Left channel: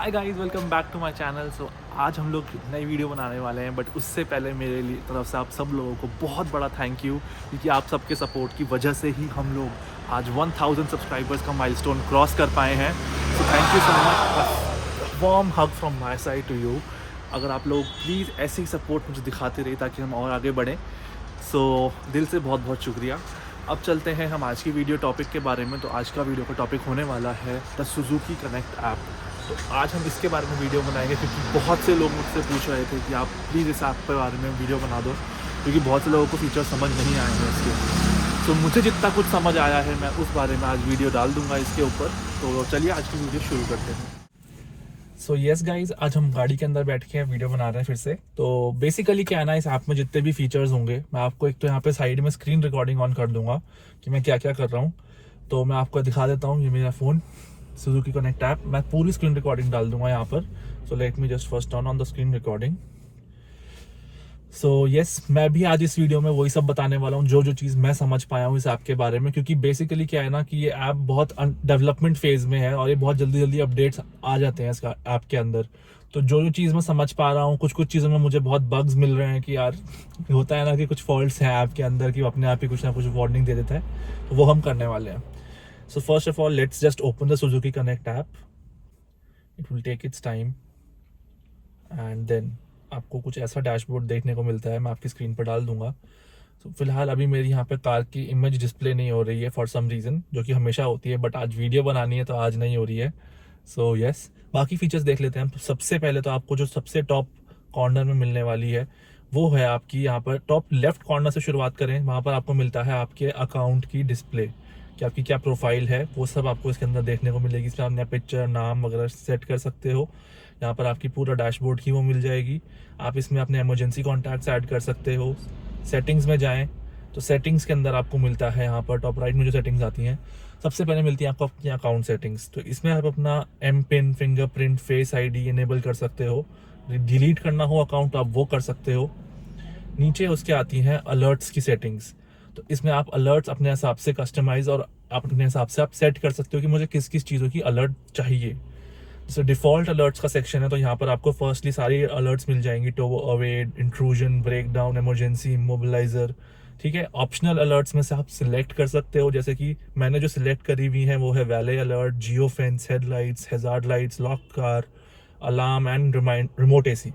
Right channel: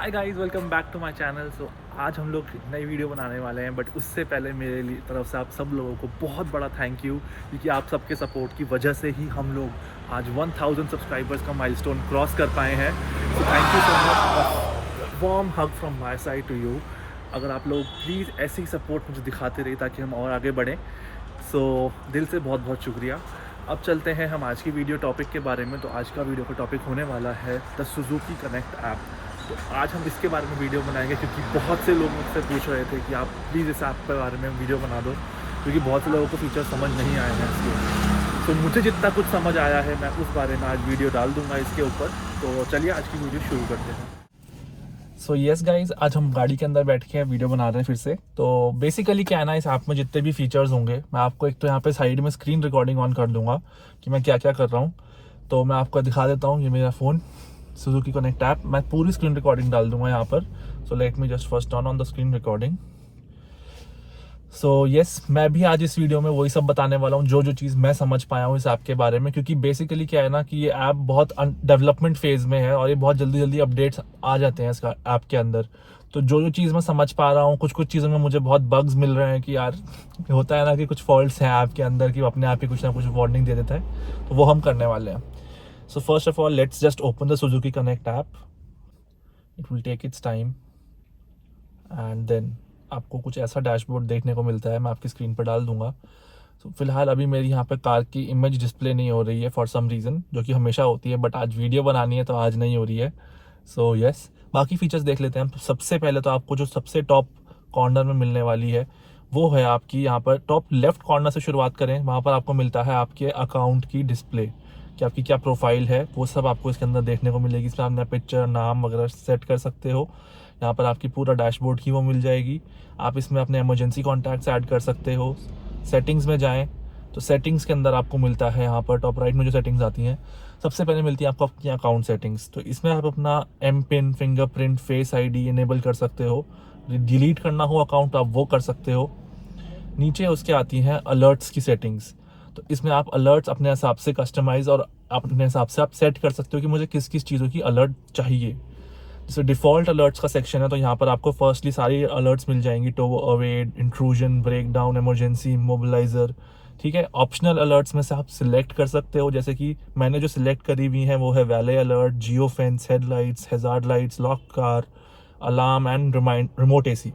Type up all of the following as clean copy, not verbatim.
Hi guys, welcome back to my channel. So आज हम लोग नई वीडियो बनाने वाले हैं, बट उससे पहले मेरे लिए तरफ से आप सब लोगों को बहुत बड़ा थैंक यू, क्योंकि आप सबके सपोर्ट की वजह से ही हम लोग आज 1000 सब्सक्राइबर्स का माइलस्टोन क्रॉस कर पाए हैं। So thank you so much, warm hug from my side to you. अगर आप लोग प्लीज़ ऐसे ही सपोर्ट मुझे दिखाते रहिए ताकि हम और आगे बढ़ें। सो दिल से बहुत बहुत शुक्रिया। अब चलते हैं हम आज की वीडियो टॉपिक के बारे में। तो आज का वीडियो का टॉपिक होने वाला है द सुजुकी कनेक्ट ऐप। तो आज हम इसके बारे में वीडियो बनाएंगे, क्योंकि बहुत से लोग मुझसे पूछ रहे थे कि आप प्लीज़ इस ऐप के बारे में वीडियो बना दो, क्योंकि बहुत से लोगों को फीचर समझ नहीं आए हैं इसके। तो मुझे जितना कुछ समझ आया है मैं उस बारे में आज वीडियो डाल दूंगा इसके ऊपर। तो चलिए आज की वीडियो शुरू करते हैं। सो येस गाइज, आज हम गाड़ी के अंदर बैठ के वीडियो बना रहे हैं फिर से। तो बेसिकली क्या है ना, इस ऐप में जितने भी फीचर्स होंगे मैं आपको एक तो यहाँ पे साइड में स्क्रीन रिकॉर्डिंग ऑन कर दूंगा कि मैं क्या क्या कर रहा हूँ। तो मैं आपको दिखा देता हूँ, ये मेरा फ़ोन सुजुकी कनेक्ट ऐप, मैं पूरी स्क्रीन रिकॉर्डिंग डाल दूंगा यहाँ पर। So let me just first turn on the screen recording. So yes, मैं भी आज इस वीडियो में वही सब बताने वाला हूँ जो जो चीज़ मैं समझ पाया हूँ इस ऐप के बारे में, क्योंकि बेसिकली क्या है ना कि ये ऐप बहुत डेवलपमेंट फेज में है और ये बहुत जल्दी जल्दी अपडेट्स आ जाते हैं इसका ऐप के अंदर। तो जो जो चीज़ मैं समझ पा रहा हूँ, कुछ कुछ चीज़ों में मुझे बहुत बग्स मिल रहे हैं कि यार होता है ना कि कुछ फॉल्ट्स हैं ऐप के अंदर कि वो अपने आप ही कुछ ना कुछ वार्निंग दे देता है। तो वो हम करने वाले हैं। So first of all let's just open the Suzuki connect app. It will take its time and then आपको कुछ ऐसा डैशबोर्ड देखने को मिलता है, मैं आपकी स्क्रीन पर डाल दूंगा। तो फिलहाल अभी मेरी यहाँ पे कार की इमेज डिस्प्ले नहीं हो रही है फॉर सम रीज़न, जो कि हमेशा होती है, बट आज वीडियो बनानी है तो आज नहीं हो रही है। सो यस, बाकी फीचर्स देख लेते हैं। तो सबसे पहले तो आपको जो सबसे टॉप कॉर्नर में मिलने वाली है वो है आपकी यहाँ पर टॉप लेफ्ट कॉर्नर से शुरुआत करें, वहाँ पर आपको मिलता है आपके अकाउंट की डिस्प्ले, कि आपकी क्या प्रोफाइल है वो सब आपको इसके अंदर देखने को मिलेगी। इसमें आप अपना पिक्चर, नाम वगैरह सेट कर सकते हो। यहाँ पर आपकी पूरा डैशबोर्ड की वो मिल जाएगी। आप इसमें अपने इमरजेंसी कॉन्टैक्ट्स ऐड कर सकते हो। सेटिंग्स में जाएं तो सेटिंग्स के अंदर आपको मिलता है यहाँ पर टॉप राइट में जो सेटिंग्स आती हैं, सबसे पहले मिलती है आपको आपकी अकाउंट सेटिंग्स। तो इसमें आप अपना M PIN, fingerprint, face ID enable कर सकते हो। डिलीट करना हो अकाउंट तो आप वो कर सकते हो। नीचे उसके आती हैं अलर्ट्स की सेटिंग्स। तो इसमें आप अलर्ट्स अपने हिसाब से कस्टमाइज और अपने हिसाब से आप सेट कर सकते हो कि मुझे किस किस चीज़ों की अलर्ट चाहिए। जैसे डिफ़ॉल्ट अलर्ट्स का सेक्शन है, तो यहाँ पर आपको फर्स्टली सारी अलर्ट्स मिल जाएंगी, tow away, intrusion, breakdown, emergency, mobiliser. ठीक है, ऑप्शनल अलर्ट्स में से आप सिलेक्ट कर सकते हो, जैसे कि मैंने जो सिलेक्ट करी हुई है वो है valet alert, geofence, headlights, hazard lights, lock car, alarm and remote AC.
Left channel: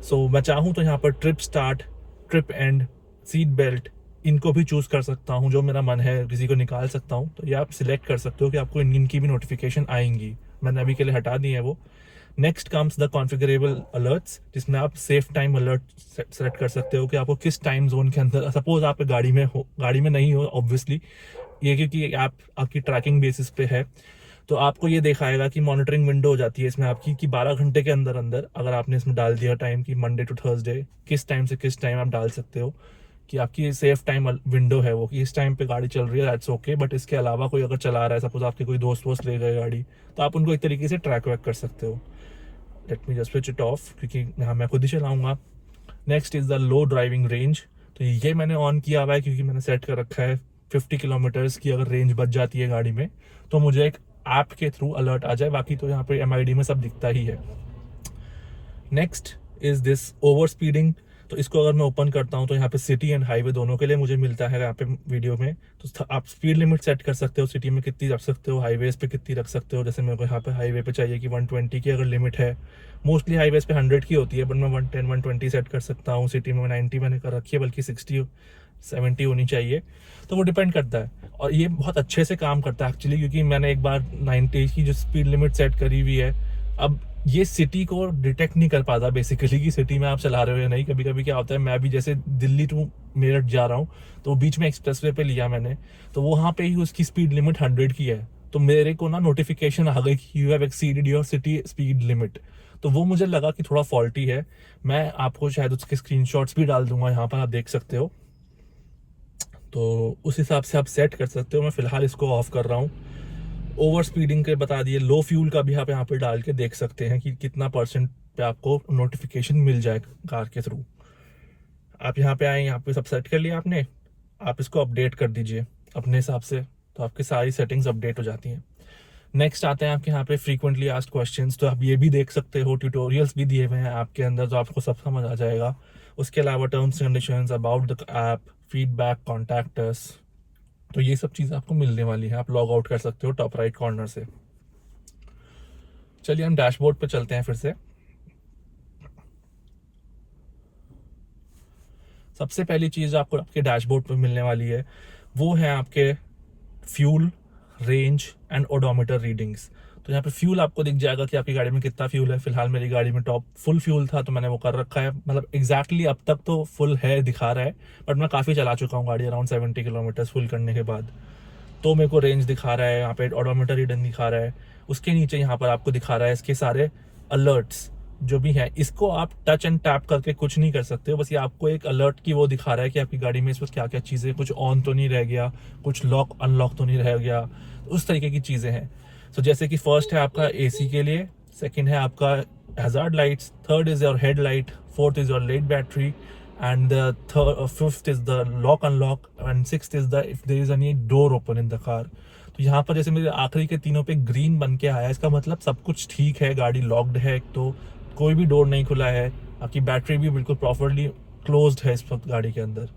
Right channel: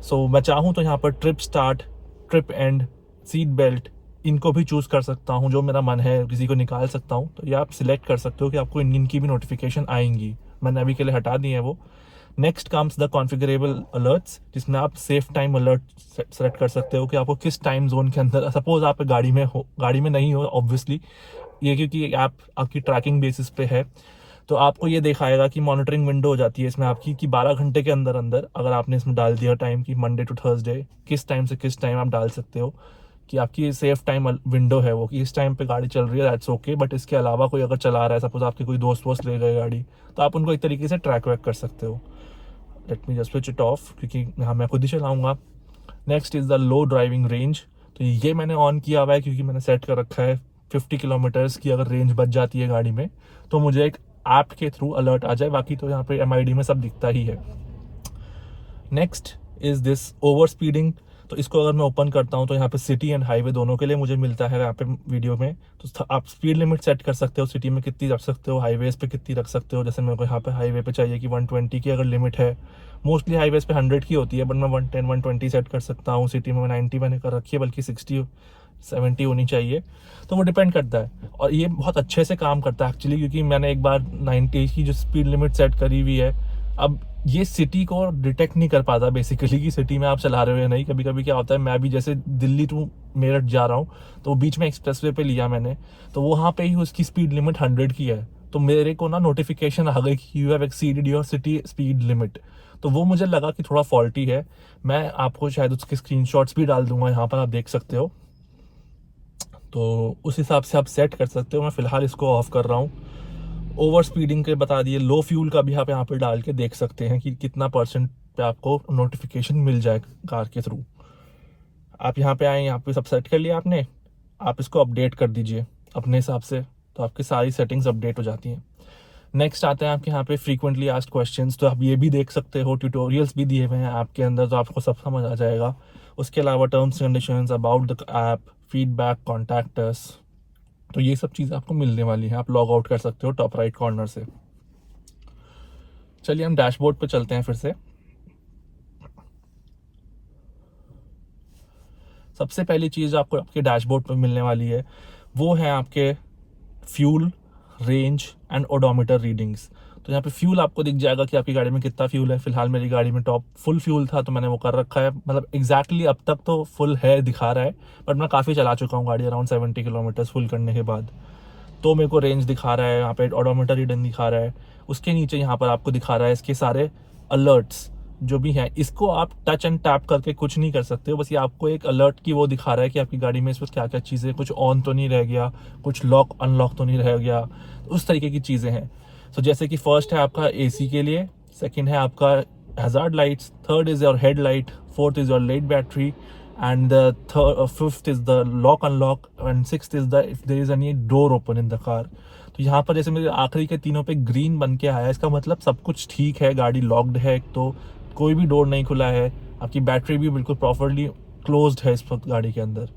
So मैं चाहूँ तो यहाँ पर trip start, trip end, seat belt, इनको भी चूज़ कर सकता हूँ, जो मेरा मन है किसी को निकाल सकता हूँ। तो ये आप सिलेक्ट कर सकते हो कि आपको इनकी भी नोटिफिकेशन आएंगी। मैंने अभी के लिए हटा दी है वो। नेक्स्ट कम्स द कॉन्फ़िगरेबल अलर्ट्स, जिसमें आप सेफ टाइम अलर्ट सेलेक्ट कर सकते हो कि आपको किस टाइम जोन के अंदर, सपोज आप गाड़ी में हो, गाड़ी में नहीं हो ऑब्वियसली, ये क्योंकि ऐप आपकी ट्रैकिंग बेसिस पे है। तो आपको ये दिखाएगा कि मॉनिटरिंग विंडो हो जाती है इसमें आपकी, कि 12 घंटे के अंदर अंदर अगर आपने इसमें डाल दिया टाइम कि मंडे टू थर्सडे किस टाइम से किस टाइम आप डाल सकते हो, कि आपकी सेफ टाइम विंडो है वो, कि इस टाइम पे गाड़ी चल रही है, दैट्स ओके। बट इसके अलावा कोई अगर चला रहा है, सपोज आपके कोई दोस्त वोस्त ले गए गाड़ी, तो आप उनको एक तरीके से ट्रैक वैक कर सकते हो। Let me just switch it of, क्योंकि यहाँ मैं खुद ही चलाऊंगा। Next is the low driving range. तो ये मैंने ऑन किया हुआ है क्योंकि मैंने सेट कर रखा है 50 किलोमीटर्स की अगर रेंज बच जाती है गाड़ी में तो मुझे एक ऐप के थ्रू अलर्ट आ जाए। बाकी तो यहाँ पे एमआईडी में सब दिखता ही है। Next is this over speeding. तो इसको अगर मैं ओपन करता हूँ तो यहाँ पे सिटी एंड हाईवे दोनों के लिए मुझे मिलता है यहाँ पे वीडियो में। तो आप स्पीड लिमिट सेट कर सकते हो, सिटी में कितनी रख सकते हो, हाईवेज पे कितनी रख सकते हो। जैसे मेरे को यहाँ पे हाईवे पे चाहिए कि 120 की अगर लिमिट है, मोस्टली हाईवेज पे 100 की होती है, बट मैं 110 120 सेट कर सकता हूँ। सिटी में 90 मैंने कर रखी है, बल्कि 60 70 होनी चाहिए। तो वो डिपेंड करता है, और ये बहुत अच्छे से काम करता है एक्चुअली, क्योंकि मैंने एक बार 90 की जो स्पीड लिमिट सेट करी हुई है। अब ये सिटी को डिटेक्ट नहीं कर पाता बेसिकली कि सिटी में आप चला रहे हो या नहीं। कभी कभी क्या होता है, मैं भी जैसे दिल्ली टू मेरठ जा रहा हूँ, तो बीच में एक्सप्रेसवे पे लिया मैंने, तो वहाँ पे ही उसकी स्पीड लिमिट 100 की है। तो मेरे को ना नोटिफिकेशन आ गई कि you have exceeded your city speed limit. तो वो मुझे लगा कि थोड़ा फॉल्टी है। मैं आपको शायद उसके स्क्रीनशॉट्स भी डाल दूंगा, यहाँ पर आप देख सकते हो। तो उस हिसाब से आप सेट कर सकते हो। मैं फिलहाल इसको ऑफ कर रहा हूँ। ओवर स्पीडिंग के बता दिए, लो फ्यूल का भी आप यहाँ पे डाल के देख सकते हैं कि कितना परसेंट पे आपको नोटिफिकेशन मिल जाए कार के थ्रू। आप यहाँ पे आए, यहाँ पे सब सेट कर लिया आपने, आप इसको अपडेट कर दीजिए अपने हिसाब से, तो आपकी सारी सेटिंग्स अपडेट हो जाती हैं। नेक्स्ट आते हैं आपके यहाँ पे फ्रीक्वेंटली आस्क्ड क्वेश्चंस, तो आप ये भी देख सकते हो, ट्यूटोरियल्स भी दिए हुए हैं आपके अंदर, तो आपको सब समझ आ जाएगा। उसके अलावा terms conditions about the app, feedback, contact us, तो ये सब चीज़ आपको मिलने वाली है। आप लॉग आउट कर सकते हो टॉप राइट कॉर्नर से। चलिए हम डैशबोर्ड पे चलते हैं फिर से। सबसे पहली चीज़ आपको आपके डैशबोर्ड पे मिलने वाली है वो है आपके fuel, range and odometer readings. तो यहाँ पे फ्यूल आपको दिख जाएगा कि आपकी गाड़ी में कितना फ्यूल है। फिलहाल मेरी गाड़ी में टॉप फुल फ्यूल था तो मैंने वो कर रखा है, मतलब एग्जैक्टली अब तक तो फुल है दिखा रहा है, बट मैं काफ़ी चला चुका हूँ गाड़ी, अराउंड 70 किलोमीटर फुल करने के बाद। तो मेरे को रेंज दिखा रहा है, यहाँ पे ओडोमीटर रीडिंग दिखा रहा है। उसके नीचे यहाँ पर आपको दिखा रहा है इसके सारे अलर्ट्स जो भी हैं। इसको आप टच एंड टैप करके कुछ नहीं कर सकते हो, बस ये आपको एक अलर्ट की वो दिखा रहा है कि आपकी गाड़ी में इस वक्त क्या क्या चीज़ें, कुछ ऑन तो नहीं रह गया, कुछ लॉक अनलॉक तो नहीं रह गया, उस तरीके की चीज़ें हैं। तो जैसे कि फर्स्ट है आपका एसी के लिए, सेकंड है आपका hazard lights, third is your head light, fourth is your late battery, and the fifth is the lock unlock, and sixth is the if there is any door open in the car. तो यहाँ पर जैसे मेरे आखिरी के तीनों पे green बन के आया, इसका मतलब सब कुछ ठीक है, गाड़ी लॉक्ड है, एक तो कोई भी डोर नहीं खुला है, आपकी बैटरी भी बिल्कुल प्रॉपरली क्लोज्ड है इस वक्त गाड़ी के अंदर।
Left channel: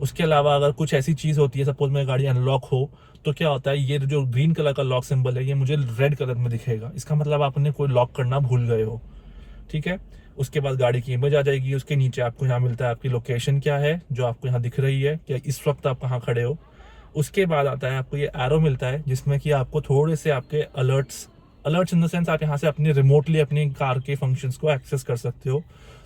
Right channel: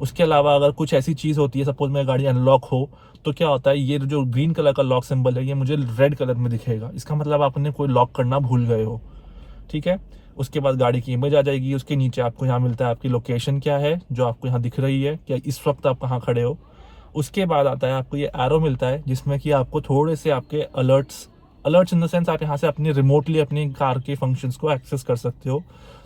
उसके अलावा अगर कुछ ऐसी चीज़ होती है, सपोज मेरी गाड़ी अनलॉक हो, तो क्या होता है, ये जो ग्रीन कलर का लॉक सिंबल है ये मुझे रेड कलर में दिखेगा, इसका मतलब आपने कोई लॉक करना भूल गए हो। ठीक है। उसके बाद गाड़ी की इमेज आ जाएगी, उसके नीचे आपको यहाँ मिलता है आपकी लोकेशन क्या है जो आपको यहाँ दिख रही है, कि इस वक्त आप कहाँ खड़े हो। उसके बाद आता है आपको ये एरो मिलता है जिसमें कि आपको थोड़े से आपके अलर्ट्स इन द सेंस आप यहाँ से अपनी रिमोटली अपनी कार के फंक्शंस को एक्सेस कर सकते हो।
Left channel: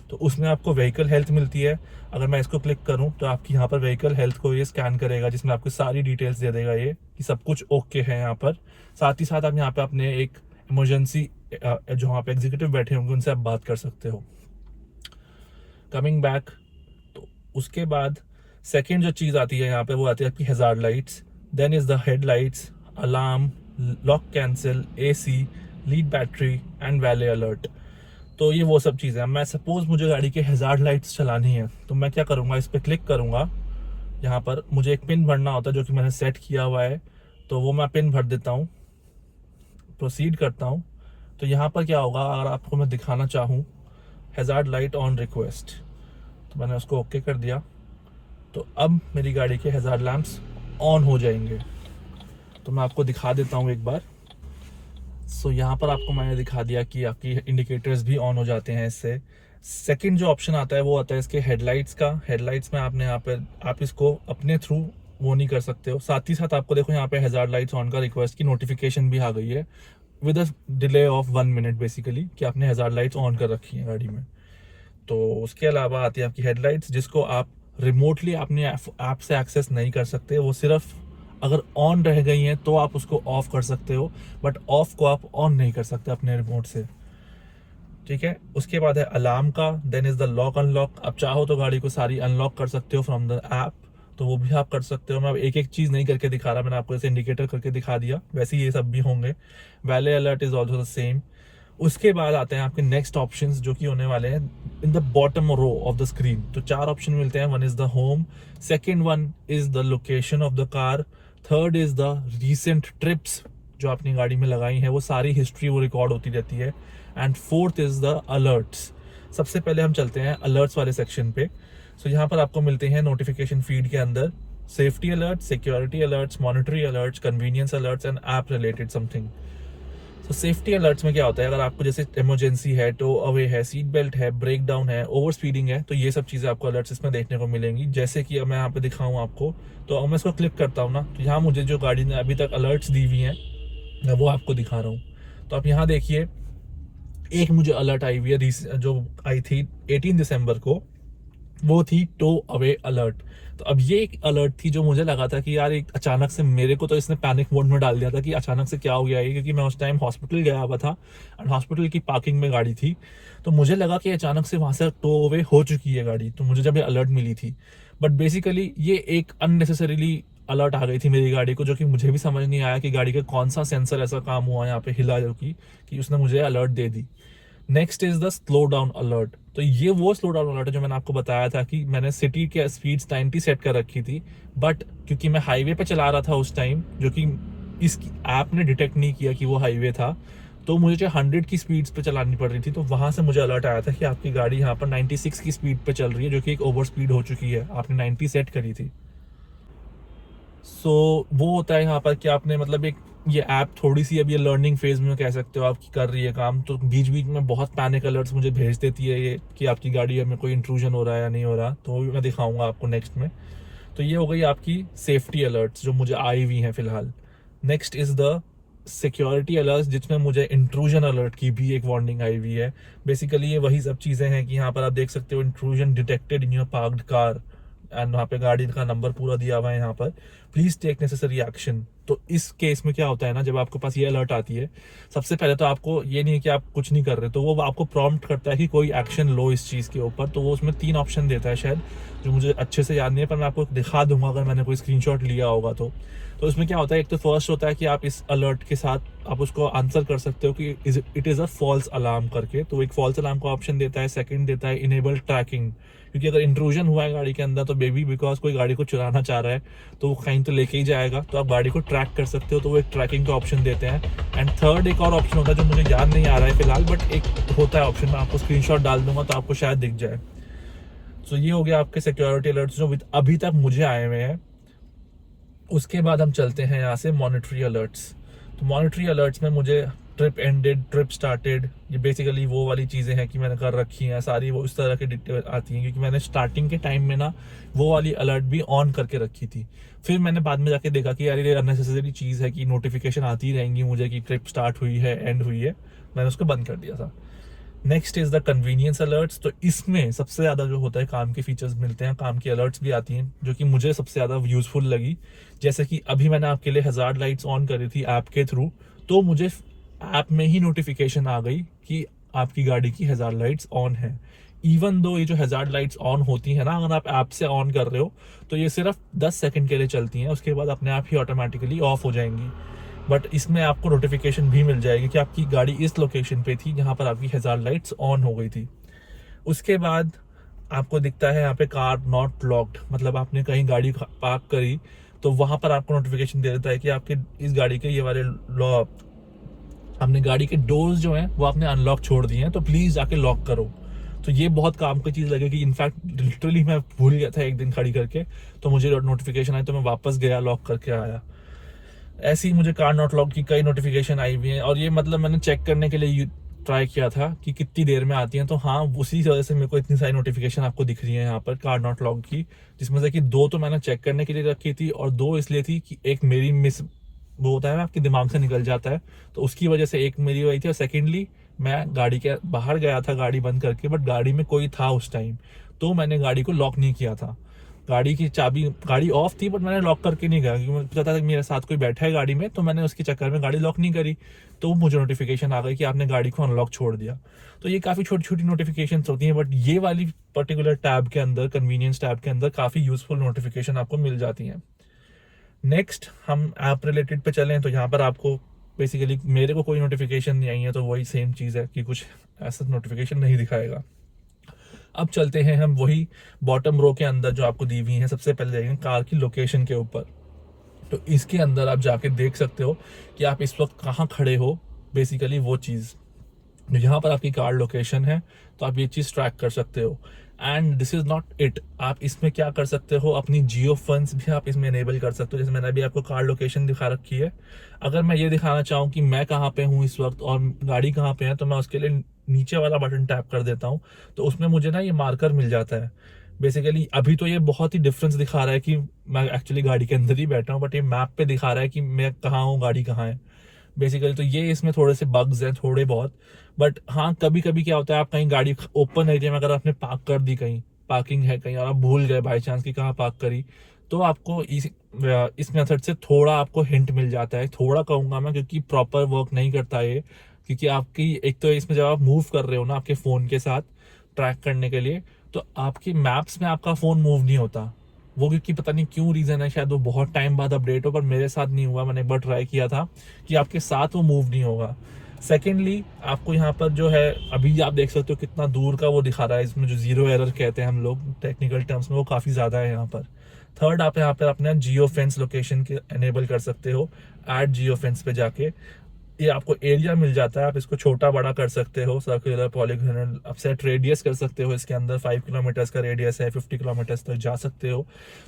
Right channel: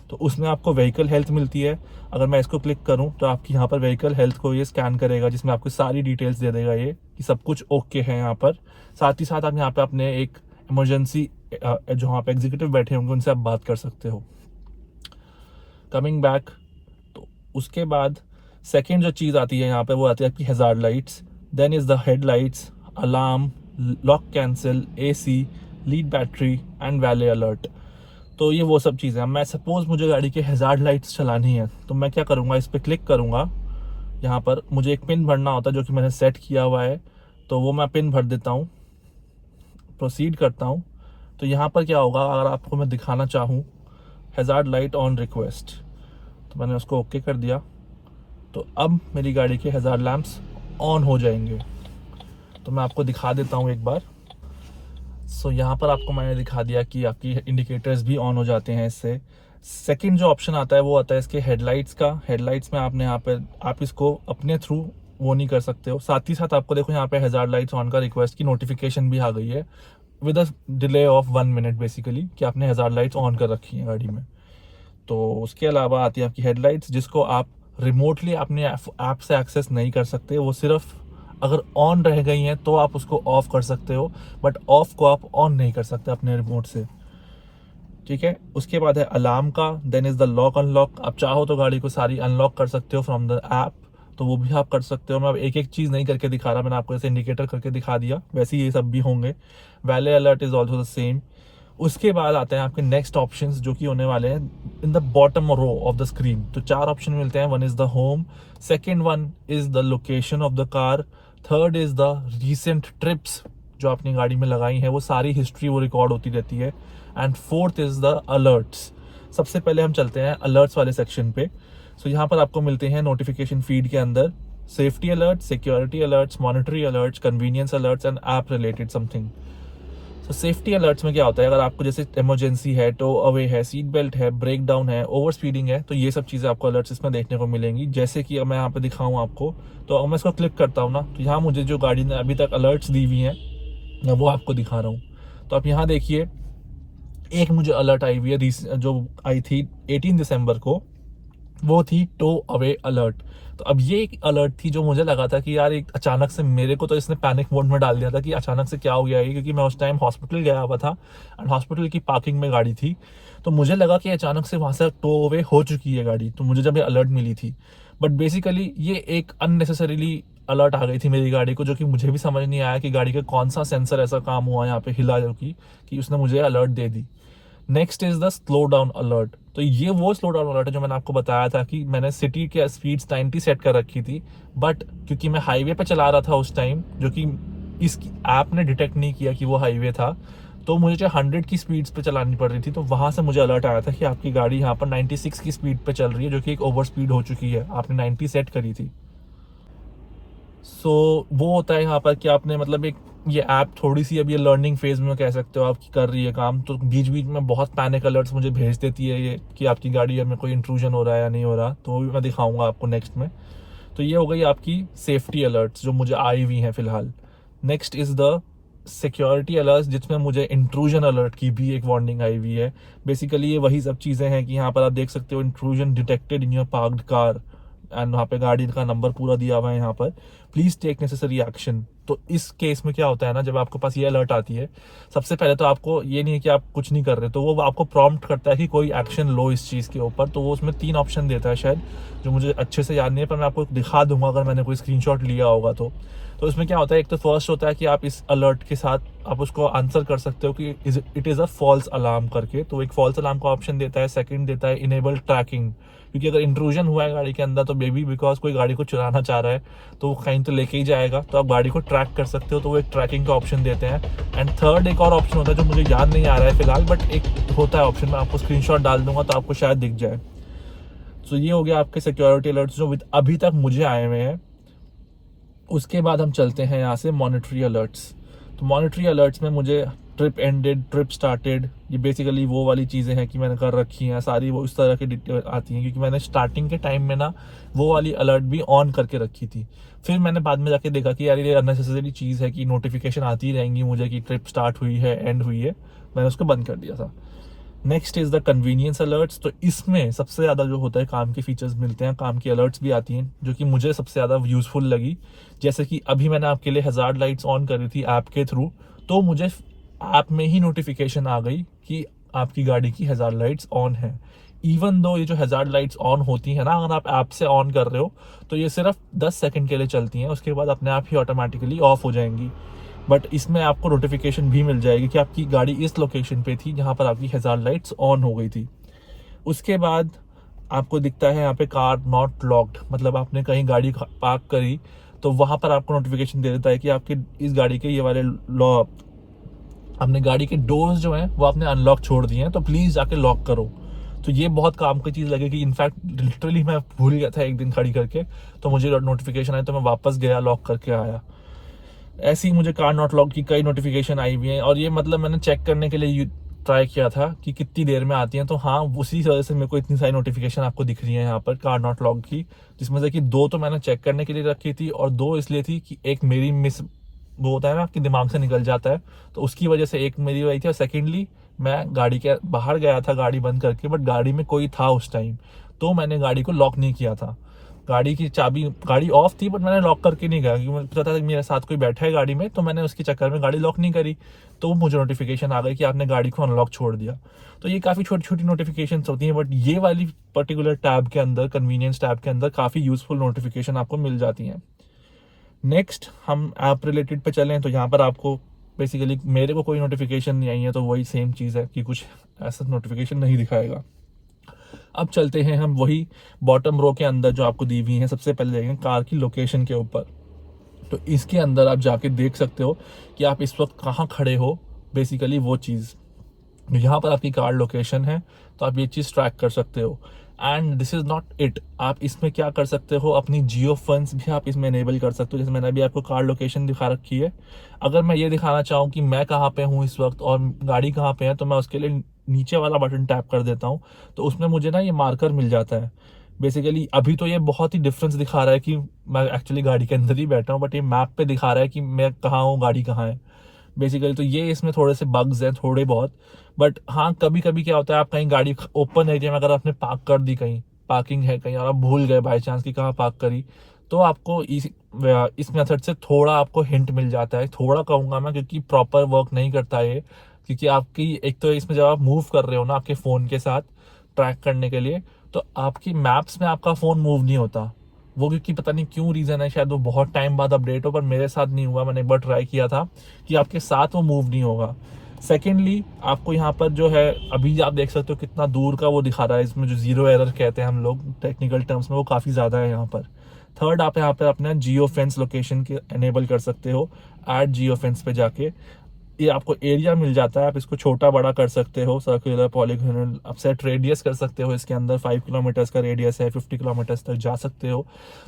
तो उसमें आपको व्हीकल हेल्थ मिलती है। अगर मैं इसको क्लिक करूँ तो आपकी यहाँ पर व्हीकल हेल्थ को ये स्कैन करेगा, जिसमें आपको सारी डिटेल्स दे देगा ये कि सब कुछ ओके है यहाँ पर। साथ ही साथ आप यहाँ पे अपने एक इमरजेंसी जो वहाँ पे एग्जीक्यूटिव बैठे होंगे उनसे आप बात कर सकते हो। कमिंग बैक, तो उसके बाद सेकेंड जो चीज़ आती है यहाँ पे वो आती है आपकी hazard lights, then is the headlights, alarm, lock cancel, AC, lead battery and valet alert. तो ये वो सब चीज़ें हैं। मैं सपोज मुझे गाड़ी के हैजार्ड लाइट्स चलानी है तो मैं क्या करूँगा, इस पर क्लिक करूँगा। यहाँ पर मुझे एक पिन भरना होता है जो कि मैंने सेट किया हुआ है, तो वो मैं पिन भर देता हूँ, प्रोसीड करता हूँ। तो यहाँ पर क्या होगा, अगर आपको मैं दिखाना चाहूँ हैजार्ड लाइट ऑन रिक्वेस्ट, तो मैंने उसको ओके कर दिया, तो अब मेरी गाड़ी के हैजार्ड लैंप्स ऑन हो जाएंगे। तो मैं आपको दिखा देता हूँ एक बार। सो यहाँ पर आपको मैंने दिखा दिया कि आपकी इंडिकेटर्स भी ऑन हो जाते हैं इससे। सेकंड जो ऑप्शन आता है वो आता है इसके हेडलाइट्स का। हेडलाइट्स में आपने यहाँ पर आप इसको अपने थ्रू वो नहीं कर सकते हो। साथ ही साथ आपको देखो यहाँ पे हैजार्ड लाइट्स ऑन का रिक्वेस्ट की नोटिफिकेशन भी आ गई है with a delay of 1 minute basically, कि आपने हैजार्ड लाइट्स ऑन कर रखी है गाड़ी में। तो उसके अलावा आती है आपकी हेडलाइट्स जिसको आप रिमोटली अपने ऐप से एक्सेस नहीं कर सकते, वो सिर्फ अगर ऑन रह गई हैं तो आप उसको ऑफ कर सकते हो, बट ऑफ को आप ऑन नहीं कर सकते अपने रिमोट से। ठीक है। उसके बाद है अलार्म का, then is the lock unlock. आप चाहो तो गाड़ी को सारी अनलॉक कर सकते हो फ्रॉम द ऐप, तो वो भी आप कर सकते हो। मैं अब एक एक चीज़ नहीं करके दिखा रहा, मैंने आपको जैसे इंडिकेटर करके दिखा दिया वैसे ही ये सब भी होंगे। Valet alert is also the same. उसके बाद आते हैं आपके नेक्स्ट ऑप्शंस जो कि होने वाले हैं in the bottom row of the screen. तो 4 ऑप्शन मिलते हैं। One is the home, second one is the location of the car, third is the recent trips जो आपने गाड़ी में लगाई है वो सारी हिस्ट्री वो रिकॉर्ड होती रहती है, and fourth is the alerts. सबसे पहले हम चलते हैं अलर्ट्स वाले सेक्शन पे। सो यहाँ पर आपको मिलते हैं नोटिफिकेशन फीड के अंदर safety alert, security alerts, monetary alerts, convenience alerts and app related something. तो सेफ्टी अलर्ट्स में क्या होता है, अगर आपको जैसे इमरजेंसी है, टो अवे है, सीट बेल्ट है, ब्रेक डाउन है, ओवर स्पीडिंग है, तो ये सब चीज़ें आपको अलर्ट्स इसमें देखने को मिलेंगी। जैसे कि मैं यहाँ पे दिखाऊँ आपको, तो अब मैं इसको क्लिक करता हूँ ना, तो यहाँ मुझे जो गाड़ी ने अभी तक अलर्ट्स दी हुई हैं मैं वो आपको दिखा रहा हूँ। तो आप यहाँ देखिए, एक मुझे अलर्ट आई हुई है जो आई थी 18 दिसंबर को, वो थी टो अवे अलर्ट। तो अब ये एक अलर्ट थी जो मुझे लगा था कि यार एक अचानक से मेरे को तो इसने पैनिक मोड में डाल दिया था कि अचानक से क्या हो गया है, क्योंकि मैं उस टाइम हॉस्पिटल गया हुआ था एंड हॉस्पिटल की पार्किंग में गाड़ी थी। तो मुझे लगा कि अचानक से वहाँ से टो अवे हो चुकी है गाड़ी, तो मुझे जब ये अलर्ट मिली थी, बट बेसिकली ये एक अननेसेसरीली अलर्ट आ गई थी मेरी गाड़ी को, जो कि मुझे भी समझ नहीं आया कि गाड़ी का कौन सा सेंसर ऐसा काम हुआ यहाँ पे हिला जो कि उसने मुझे alert they the. Next is the slow down alert. तो ये वो स्लो डाउन अलर्ट है जो मैंने आपको बताया था कि मैंने सिटी के स्पीड्स 90 सेट कर रखी थी, बट क्योंकि मैं हाईवे पे चला रहा था उस टाइम, जो कि इसकी ऐप ने डिटेक्ट नहीं किया कि वो हाईवे था, तो मुझे जो 100 की स्पीड्स पे चलानी पड़ रही थी, तो वहाँ से मुझे अलर्ट आया था कि आपकी गाड़ी यहाँ पर 96 की स्पीड पे चल रही है, जो कि एक ओवर स्पीड हो चुकी है, आपने 90 सेट करी थी। सो वो होता है यहाँ पर कि आपने मतलब एक ये ऐप थोड़ी सी अब ये लर्निंग फेज में कह सकते हो आपकी कर रही है काम, तो बीच बीच में बहुत पैनिक अलर्ट्स मुझे भेज देती है ये कि आपकी गाड़ी में कोई इंट्रूजन हो रहा है या नहीं हो रहा, तो वो भी मैं दिखाऊंगा आपको नेक्स्ट में। तो ये हो गई आपकी सेफ्टी अलर्ट्स जो मुझे आई हुई हैं फिलहाल। Next is the security alert, जिसमें मुझे इंट्रूजन अलर्ट की भी एक वार्निंग आई हुई है। बेसिकली ये वही सब चीज़ें हैं कि यहाँ पर आप देख सकते हो intrusion detected in your parked car, and वहाँ पे गाड़ी का नंबर पूरा दिया हुआ है यहाँ पर, प्लीज टेक नेसेसरी एक्शन। तो इस केस में क्या होता है ना, जब आपके पास ये अलर्ट आती है, सबसे पहले तो आपको ये नहीं है कि आप कुछ नहीं कर रहे, तो वो आपको प्रॉम्प्ट करता है कि कोई एक्शन लो इस चीज़ के ऊपर। तो वो उसमें 3 ऑप्शन देता है शायद, जो मुझे अच्छे से याद नहीं है, पर मैं आपको दिखा दूंगा अगर मैंने कोई स्क्रीनशॉट लिया होगा तो। तो इसमें क्या होता है, एक तो फर्स्ट होता है कि आप इस अलर्ट के साथ आप उसको आंसर कर सकते हो कि it is a false alarm करके, तो एक फॉल्स अलार्म का ऑप्शन देता है। सेकंड देता है इनेबल ट्रैकिंग, क्योंकि अगर इंट्रूजन हुआ है गाड़ी के अंदर तो बेबी बिकॉज कोई गाड़ी को चुराना चाह रहा है तो वो कहीं तो लेके ही जाएगा, तो आप गाड़ी को ट्रैक कर सकते हो, तो वो एक ट्रैकिंग का ऑप्शन देते हैं। एंड थर्ड एक और ऑप्शन होता है जो मुझे याद नहीं आ रहा है फिलहाल, बट एक होता है ऑप्शन, मैं आपको स्क्रीनशॉट डाल दूंगा तो आपको शायद दिख जाए। सो ये हो गया आपके सिक्योरिटी अलर्ट्स जो अभी तक मुझे आए हुए हैं। उसके बाद हम चलते हैं यहाँ से मॉनिटरी अलर्ट्स। तो मॉनिटरी अलर्ट्स में मुझे ट्रिप एंडेड, ट्रिप स्टार्टेड, ये बेसिकली वो वाली चीज़ें हैं कि मैंने कर रखी हैं सारी, वो इस तरह की डिटेल आती हैं, क्योंकि मैंने स्टार्टिंग के टाइम में ना वो वाली अलर्ट भी ऑन करके रखी थी। फिर मैंने बाद में जाके देखा कि यार ये अननेसेसरी चीज़ है कि नोटिफिकेशन आती रहेंगी मुझे कि ट्रिप स्टार्ट हुई है, एंड हुई है, मैंने उसको बंद कर दिया था। Next is the convenience alerts. तो इसमें सबसे ज़्यादा जो होता है काम के फीचर्स मिलते हैं, काम की अलर्ट्स भी आती हैं, जो कि मुझे सबसे ज़्यादा यूजफुल लगी। जैसे कि अभी मैंने आपके लिए हज़ार्ड लाइट्स ऑन करी थी ऐप के थ्रू, तो मुझे ऐप में ही नोटिफिकेशन आ गई कि आपकी गाड़ी की हज़ार्ड लाइट्स ऑन है। इवन दो ये जो हज़ार्ड लाइट्स ऑन होती है ना, अगर आप ऐप से ऑन कर रहे हो तो ये सिर्फ 10 सेकंड के लिए चलती हैं, उसके बाद अपने आप ही ऑटोमेटिकली ऑफ हो जाएंगी। बट इसमें आपको नोटिफिकेशन भी मिल जाएगी कि आपकी गाड़ी इस लोकेशन पे थी जहाँ पर आपकी हज़ार्ड लाइट्स ऑन हो गई थी। उसके बाद आपको दिखता है यहाँ पे कार नॉट लॉक्ड, मतलब आपने कहीं गाड़ी पार्क करी तो वहाँ पर आपको नोटिफिकेशन दे देता है कि आपके इस गाड़ी के ये वाले आपने गाड़ी के डोर्स जो हैं वो आपने अनलॉक छोड़ दिए हैं, तो प्लीज़ जाके लॉक करो। तो ये बहुत काम की चीज़ लगेगी। इनफैक्ट लिटरली मैं भूल गया था एक दिन खड़ी करके, तो मुझे नोटिफिकेशन आई तो मैं वापस गया, लॉक करके आया। ऐसी मुझे कार नॉट लॉक की कई नोटिफिकेशन आई हुई हैं, और ये मतलब मैंने चेक करने के लिए ट्राई किया था कि कितनी देर में आती हैं, तो हाँ उसी वजह से मेरे को इतनी सारी नोटिफिकेशन आपको दिख रही है यहाँ पर कार नॉट लॉक की, जिसमें से कि 2 तो मैंने चेक करने के लिए रखी थी, और 2 इसलिए थी कि एक मेरी मिस, वो होता है ना आपके दिमाग से निकल जाता है, तो उसकी वजह से एक मेरी आई थी, और सेकेंडली मैं गाड़ी के बाहर गया था गाड़ी बंद करके, बट गाड़ी में कोई था उस टाइम, तो मैंने गाड़ी को लॉक नहीं किया था। गाड़ी की चाबी, गाड़ी ऑफ थी बट मैंने लॉक करके नहीं गया, क्योंकि मुझे पता था कि मेरे साथ कोई बैठा है गाड़ी में, तो मैंने उसके चक्कर में गाड़ी लॉक नहीं करी, तो मुझे नोटिफिकेशन आ गई कि आपने गाड़ी को अनलॉक छोड़ दिया। तो ये काफ़ी छोटी छोटी नोटिफिकेशन होती हैं, बट ये वाली पर्टिकुलर टैब के अंदर, कन्वीनियंस टैब के अंदर काफ़ी यूजफुल नोटिफिकेशन आपको मिल जाती हैं। नेक्स्ट हम ऐप रिलेटेड पे चलें, तो यहाँ पर आपको बेसिकली मेरे को कोई नोटिफिकेशन नहीं आई है, तो वही सेम चीज़ है कि कुछ ऐसा नोटिफिकेशन नहीं दिखाएगा। अब चलते हैं हम वही बॉटम रो के अंदर जो आपको दी हुई है। सबसे पहले देखें कार की लोकेशन के ऊपर, तो इसके अंदर आप जाके देख सकते हो कि आप इस वक्त कहाँ खड़े हो, बेसिकली वो चीज़। यहाँ पर आपकी कार लोकेशन है, तो आप ये चीज़ ट्रैक कर सकते हो। And this is not it, आप इसमें क्या कर सकते हो, अपनी जियो फंड्स भी आप इसमें इनेबल कर सकते हो। जैसे मैंने अभी आपको कार लोकेशन दिखा रखी है, अगर मैं ये दिखाना चाहूँ कि मैं कहाँ पे हूँ इस वक्त और गाड़ी कहाँ पे है, तो मैं उसके लिए नीचे वाला बटन टैप कर देता हूँ, तो उसमें मुझे ना ये मार्कर मिल जाता है। बेसिकली अभी तो ये बहुत ही डिफरेंस दिखा रहा है कि मैं एक्चुअली गाड़ी के अंदर ही बैठा हूँ, बट ये मैप पे दिखा रहा है कि मैं कहाँ हूँ, गाड़ी कहाँ है। बेसिकली तो ये इसमें थोड़े से बग्स हैं थोड़े बहुत, बट हाँ कभी कभी क्या होता है, आप कहीं गाड़ी ओपन एरिया में अगर आपने पार्क कर दी, कहीं पार्किंग है कहीं और आप भूल गए बाई चांस कि कहाँ पार्क करी, तो आपको इस मेथड से थोड़ा आपको हिंट मिल जाता है। थोड़ा कहूँगा मैं, क्योंकि प्रॉपर वर्क नहीं करता है ये, क्योंकि आपकी एक तो इसमें जब आप मूव कर रहे हो ना आपके फ़ोन के साथ ट्रैक करने के लिए, तो आपकी मैप्स में आपका फ़ोन मूव नहीं होता वो, क्योंकि पता नहीं क्यों रीज़न है, शायद वो बहुत टाइम बाद अपडेट हो, पर मेरे साथ नहीं हुआ। मैंने एक बार ट्राई किया था कि आपके साथ वो मूव नहीं होगा। सेकेंडली आपको यहाँ पर जो है अभी आप देख सकते हो कितना दूर का वो दिखा रहा है, इसमें जो जीरो एरर कहते हैं हम लोग टेक्निकल टर्म्स में, वो काफ़ी ज़्यादा है यहाँ पर। थर्ड, आप यहाँ पर अपना जियो फेंस लोकेशन के एनेबल कर सकते हो। ऐड जियो फेंस पे जाके ये आपको एरिया मिल जाता है, आप इसको छोटा बड़ा कर सकते हो, सर्कुलर, पॉलीगोनल, आप सेट रेडियस कर सकते हो। इसके अंदर 5 किलोमीटर्स का रेडियस है, 50 किलोमीटर्स तक जा सकते हो।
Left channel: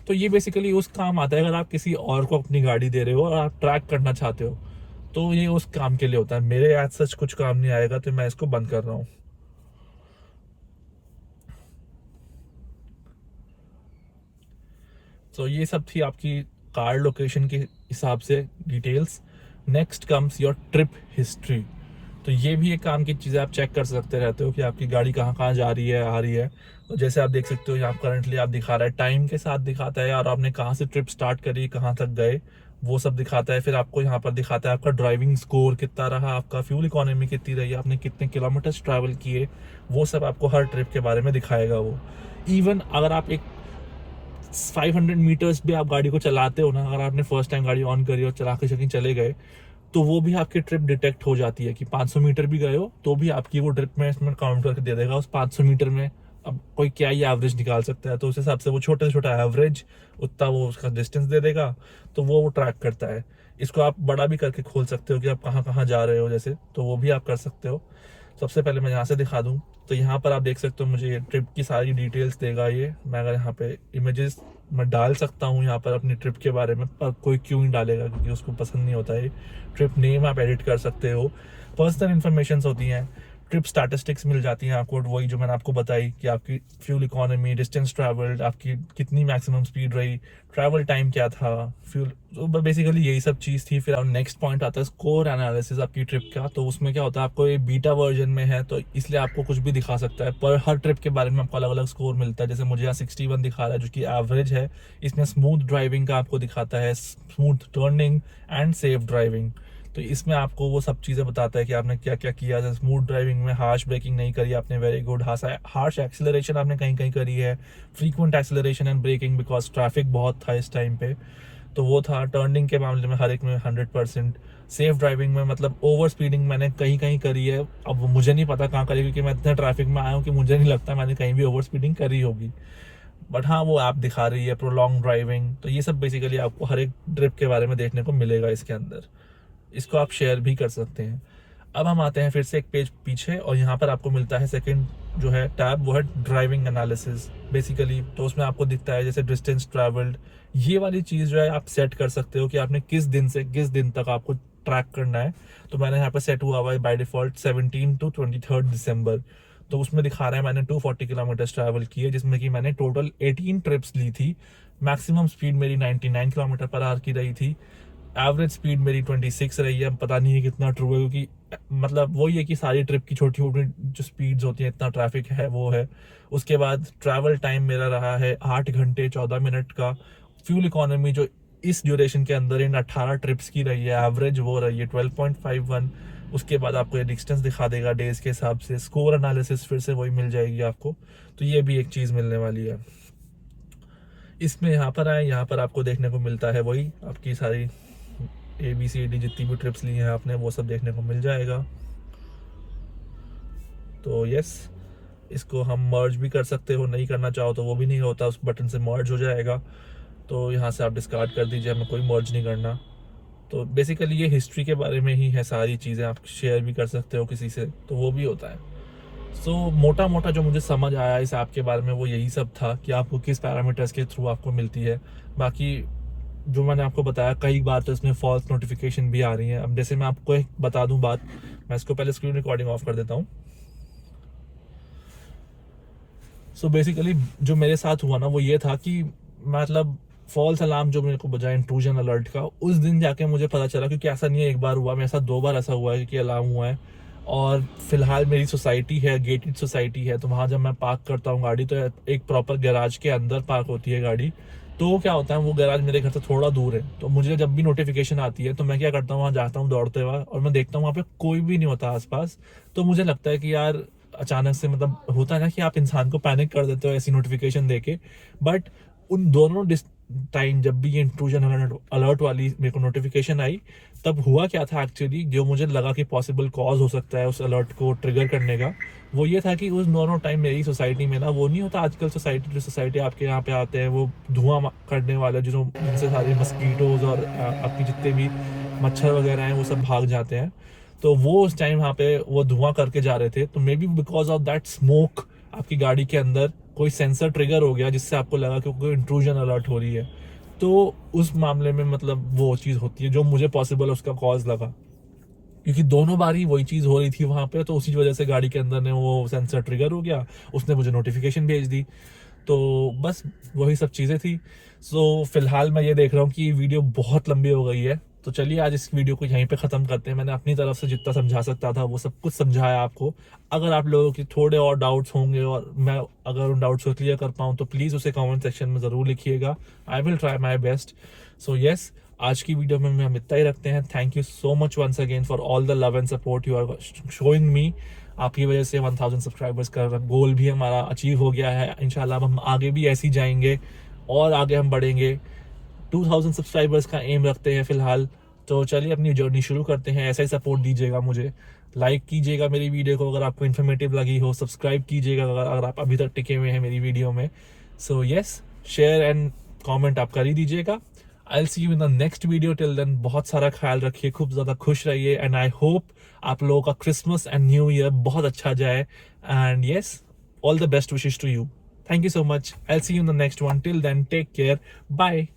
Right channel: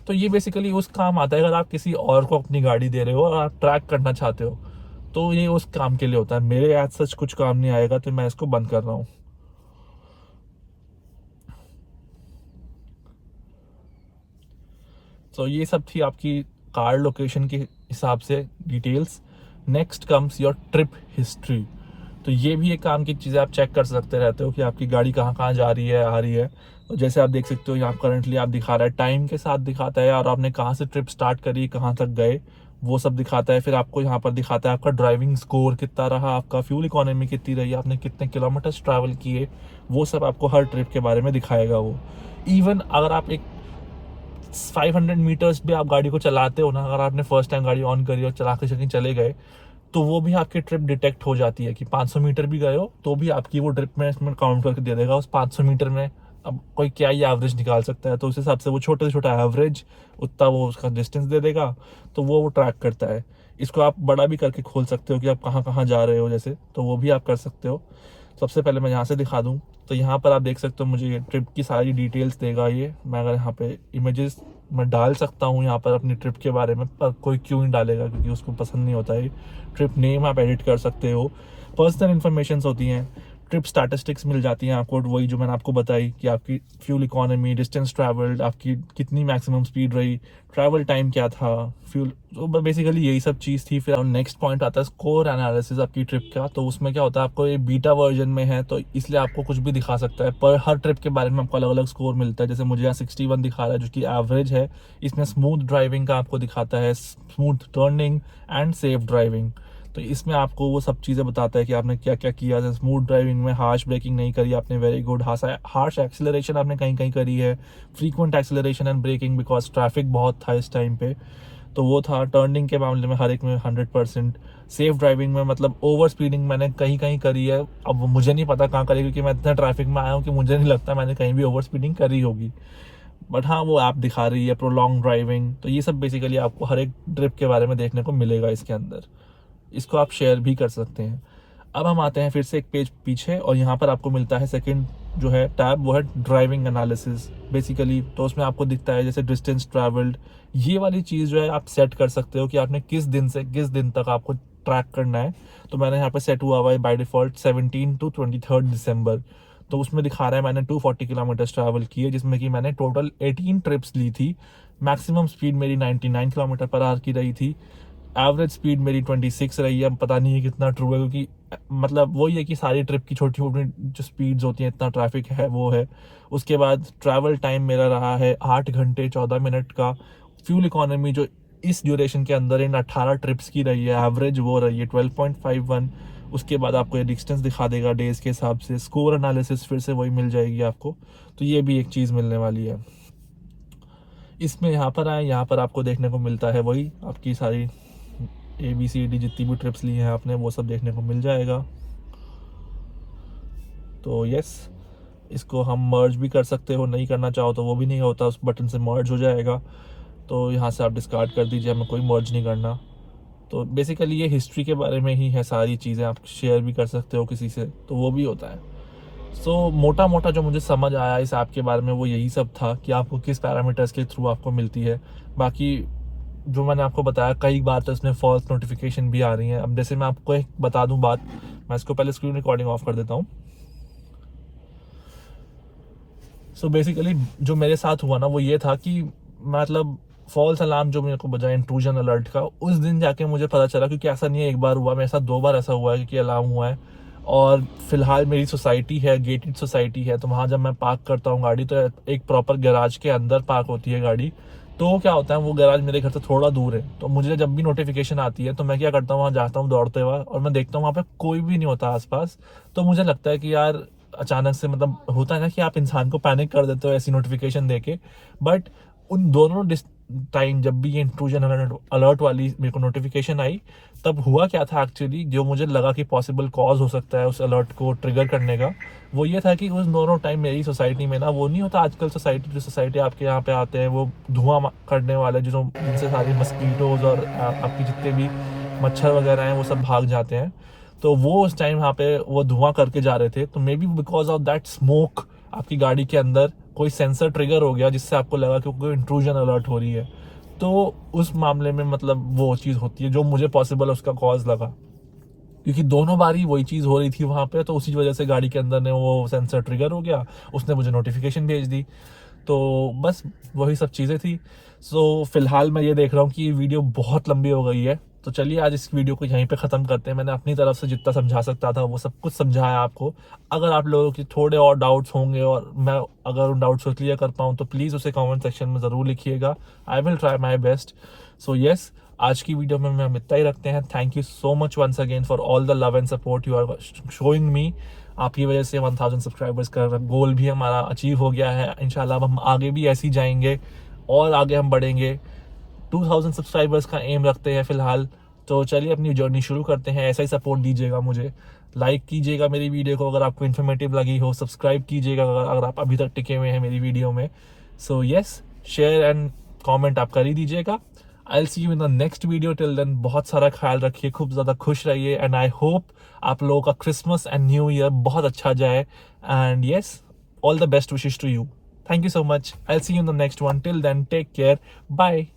तो ये बेसिकली उस काम आता है अगर आप किसी और को अपनी गाड़ी दे रहे हो और आप ट्रैक करना चाहते हो, तो ये उस काम के लिए होता है। मेरे आज सच कुछ काम नहीं आएगा, तो मैं इसको बंद कर रहा हूँ। तो ये सब थी आपकी कार लोकेशन के हिसाब से details. Next comes your trip history. तो ये भी एक काम की चीज़ है, आप चेक कर सकते रहते हो कि आपकी गाड़ी कहाँ कहाँ जा रही है, आ रही है। तो जैसे आप देख सकते हो यहाँ करंटली आप दिखा रहा है, टाइम के साथ दिखाता है और आपने कहाँ से ट्रिप स्टार्ट करी, कहाँ तक गए, वो सब दिखाता है। फिर आपको यहाँ पर दिखाता है आपका ड्राइविंग स्कोर कितना रहा, आपका फ्यूल इकोनॉमी कितनी रही, आपने कितने किलोमीटर्स ट्रैवल किए, वो सब आपको हर ट्रिप के बारे में दिखाएगा वो। इवन अगर आप एक 500 मीटर्स भी आप गाड़ी को चलाते हो ना, अगर आपने फर्स्ट टाइम गाड़ी ऑन करी और चला के कहीं चले गए, तो वो भी आपकी ट्रिप डिटेक्ट हो जाती है कि 500 मीटर भी गए हो तो भी आपकी वो ट्रिप में इसमें काउंट करके दे देगा उस 500 मीटर में। अब कोई क्या ही एवरेज निकाल सकता है, तो उस हिसाब से वो छोटा से छोटा एवरेज उतना वो उसका डिस्टेंस दे देगा, तो वो ट्रैक करता है। इसको आप बड़ा भी करके खोल सकते हो कि आप कहाँ कहाँ जा रहे हो जैसे, तो वो भी आप कर सकते हो। सबसे पहले मैं यहाँ से दिखा दूँ, तो यहाँ पर आप देख सकते हो मुझे ट्रिप की सारी डिटेल्स देगा ये। मैं अगर यहाँ पे इमेजेस मैं डाल सकता हूँ यहाँ पर अपनी ट्रिप के बारे में, पर कोई क्यों नहीं डालेगा, क्योंकि उसको पसंद नहीं होता है। ट्रिप नेम आप एडिट कर सकते हो, पर्सनल इन्फॉर्मेशन होती हैं, ट्रिप स्टैटिस्टिक्स मिल जाती हैं आपको, वही जो मैंने आपको बताई कि आपकी फ्यूल इकोनॉमी, डिस्टेंस ट्रैवल्ड, आपकी कितनी मैक्सिमम स्पीड रही, ट्रैवल टाइम क्या था, फ्यूल, तो बेसिकली यही सब चीज़ थी। फिर नेक्स्ट पॉइंट आता है स्कोर एनालिसिस आपकी ट्रिप का। तो उसमें क्या होता है, आपको ये बीटा वर्जन में है तो इसलिए आपको कुछ भी दिखा सकता है, पर हर ट्रिप के बारे में आपको अलग अलग स्कोर मिलता है। जैसे मुझे यहाँ 61 दिखा रहा है जो कि एवरेज है। इसमें स्मूथ ड्राइविंग का आपको दिखाता है, smooth turning and safe driving. तो इसमें आपको वो सब चीज़ें बताता है कि आपने क्या क्या किया। जैसे स्मूथ ड्राइविंग में हार्श ब्रेकिंग नहीं करी आपने, वेरी गुड। हार्श एक्सेलरेशन आपने कहीं कहीं करी है, frequent acceleration and braking because traffic बहुत था इस टाइम पे, तो वो था। टर्निंग के मामले में हर एक में 100%। सेफ ड्राइविंग में मतलब ओवर स्पीडिंग मैंने कहीं कहीं करी है, अब मुझे नहीं पता कहाँ करी, क्योंकि मैं इतना ट्रैफिक में आया हूँ कि मुझे नहीं लगता मैंने कहीं भी ओवर स्पीडिंग करी होगी, बट हाँ वो ऐप दिखा रही है। प्रोलॉन्ग ड्राइविंग, तो ये सब बेसिकली आपको हर एक ट्रिप के बारे में देखने को मिलेगा इसके अंदर। इसको आप शेयर भी कर सकते हैं। अब हम आते हैं फिर से एक पेज पीछे, और यहाँ पर आपको मिलता है सेकंड जो है टैब, वो है ड्राइविंग एनालिसिस बेसिकली। तो उसमें आपको दिखता है जैसे डिस्टेंस ट्रैवल्ड, ये वाली चीज़ जो है आप सेट कर सकते हो कि आपने किस दिन से किस दिन तक आपको ट्रैक करना है। तो मैंने यहाँ पर सेट हुआ हुआ है बाय डिफॉल्ट 17 to 23 दिसंबर। तो उसमें दिखा रहा है मैंने 240 किलोमीटर ट्रैवल किए, जिसमें कि मैंने टोटल 18 ट्रिप्स ली थी। मैक्सिमम स्पीड मेरी 99 किलोमीटर पर आवर की रही थी। एवरेज स्पीड मेरी 26 रही है। पता नहीं है कितना ट्रू है, क्योंकि मतलब वही है कि सारी ट्रिप की छोटी छोटी जो स्पीड्स होती हैं, इतना ट्रैफिक है वो है। उसके बाद ट्रैवल टाइम मेरा रहा है 8 घंटे 14 मिनट का। फ्यूल इकोनॉमी जो इस ड्यूरेशन के अंदर इन 18 ट्रिप्स की रही है, एवरेज वो रही है 12.51। उसके बाद आपको ये डिस्टेंस दिखा देगा डेज के हिसाब से। स्कोर एनालिसिस फिर से वही मिल जाएगी आपको, तो ये भी एक चीज़ मिलने वाली है इसमें। यहाँ पर आए, यहाँ पर आपको देखने को मिलता है वही आपकी सारी ABCD जितनी भी ट्रिप्स ली हैं आपने, वो सब देखने को मिल जाएगा। तो यस, इसको हम मर्ज भी कर सकते हो, नहीं करना चाहो तो वो भी नहीं होता, उस बटन से मर्ज हो जाएगा। तो यहाँ से आप डिस्कार्ड कर दीजिए, हमें कोई मर्ज नहीं करना। तो बेसिकली ये हिस्ट्री के बारे में ही है, सारी चीज़ें आप शेयर भी कर सकते हो किसी से, तो वो भी होता है। सो मोटा मोटा जो मुझे समझ आया इस ऐप के बारे में वो यही सब था कि आपको किस पैरामीटर्स के थ्रू आपको मिलती है। बाकी जो मैंने आपको बताया, कई बार तो इसमें फॉल्स नोटिफिकेशन भी आ रही हैं। अब जैसे मैं आपको एक बता दूं बात, मैं इसको पहले स्क्रीन रिकॉर्डिंग ऑफ कर देता हूं। सो बेसिकली जो मेरे साथ हुआ ना वो ये था कि मतलब फॉल्स अलार्म जो मेरे को बजा इंट्रूजन अलर्ट का, उस दिन जाके मुझे पता चला, क्योंकि ऐसा नहीं है एक बार हुआ, मेरे साथ 2 बार ऐसा हुआ है कि अलार्म हुआ है। और फिलहाल मेरी सोसाइटी है, गेटेड सोसाइटी है, तो वहाँ जब मैं पार्क करता हूँ गाड़ी, तो एक प्रॉपर गैराज के अंदर पार्क होती है गाड़ी। तो क्या होता है, वो गैराज मेरे घर से थोड़ा दूर है, तो मुझे जब भी नोटिफिकेशन आती है तो मैं क्या करता हूँ, वहाँ जाता हूँ दौड़ते हुए, और मैं देखता हूँ वहाँ पे कोई भी नहीं होता आसपास। तो मुझे लगता है कि यार अचानक से, मतलब होता है ना कि आप इंसान को पैनिक कर देते हो ऐसी नोटिफिकेशन देके, बट उन दोनों टाइम जब भी ये इंट्रूजन अलर्ट वाली मेरे को नोटिफिकेशन आई, तब हुआ क्या था एक्चुअली, जो मुझे लगा कि पॉसिबल कॉज हो सकता है उस अलर्ट को ट्रिगर करने का, वो ये था कि उस दोनों टाइम मेरी सोसाइटी में ना, वो नहीं होता आजकल सोसाइटी, जो सोसाइटी आपके यहाँ पे आते हैं वो धुआं करने वाले, जो जिनसे सारी मस्कीटोज और आपकी जितने भी मच्छर वगैरह हैं वो सब भाग जाते हैं। तो वो उस टाइम यहाँ पे वो धुआं करके जा रहे थे, तो may be because of that smoke आपकी गाड़ी के अंदर कोई सेंसर ट्रिगर हो गया, जिससे आपको लगा कि कोई इंट्रूजन अलर्ट हो रही है। तो उस मामले में मतलब वो चीज़ होती है जो मुझे पॉसिबल उसका कॉज लगा, क्योंकि दोनों बार ही वही चीज़ हो रही थी वहाँ पे, तो उसी वजह से गाड़ी के अंदर ने वो सेंसर ट्रिगर हो गया, उसने मुझे नोटिफिकेशन भेज दी। तो बस वही सब चीज़ें थी। सो फिलहाल मैं ये देख रहा हूँ कि ये वीडियो बहुत लंबी हो गई है, तो चलिए आज इस वीडियो को यहीं पे ख़त्म करते हैं। मैंने अपनी तरफ से जितना समझा सकता था वो सब कुछ समझाया आपको। अगर आप लोगों की थोड़े और डाउट्स होंगे और मैं अगर उन डाउट्स को क्लियर कर पाऊँ तो प्लीज़ उसे कमेंट सेक्शन में ज़रूर लिखिएगा। I will try my best. So yes, आज की वीडियो में हम इतना ही रखते हैं। Thank you so much once again for all the love and support you are showing me. आपकी वजह से 1000 सब्सक्राइबर्स का गोल भी हमारा अचीव हो गया है। इंशाल्लाह हम आगे भी ऐसे ही जाएंगे और आगे हम बढ़ेंगे। 2000 सब्सक्राइबर्स का एम रखते हैं फिलहाल। तो चलिए अपनी जर्नी शुरू करते हैं। ऐसा ही सपोर्ट दीजिएगा मुझे, लाइक कीजिएगा मेरी वीडियो को अगर आपको इन्फॉर्मेटिव लगी हो, सब्सक्राइब कीजिएगा अगर आप अभी तक टिके हुए हैं मेरी वीडियो में। So yes, share and comment आप कर ही दीजिएगा। I will see you in the next video. Till then बहुत सारा ख्याल रखिए, खूब ज़्यादा खुश रहिए, एंड आई होप आप लोगों का क्रिसमस एंड न्यू ईयर बहुत अच्छा जाए। And yes, all the best wishes to you. Thank you so much. I'll see you in the next one. Till then, take care. Bye.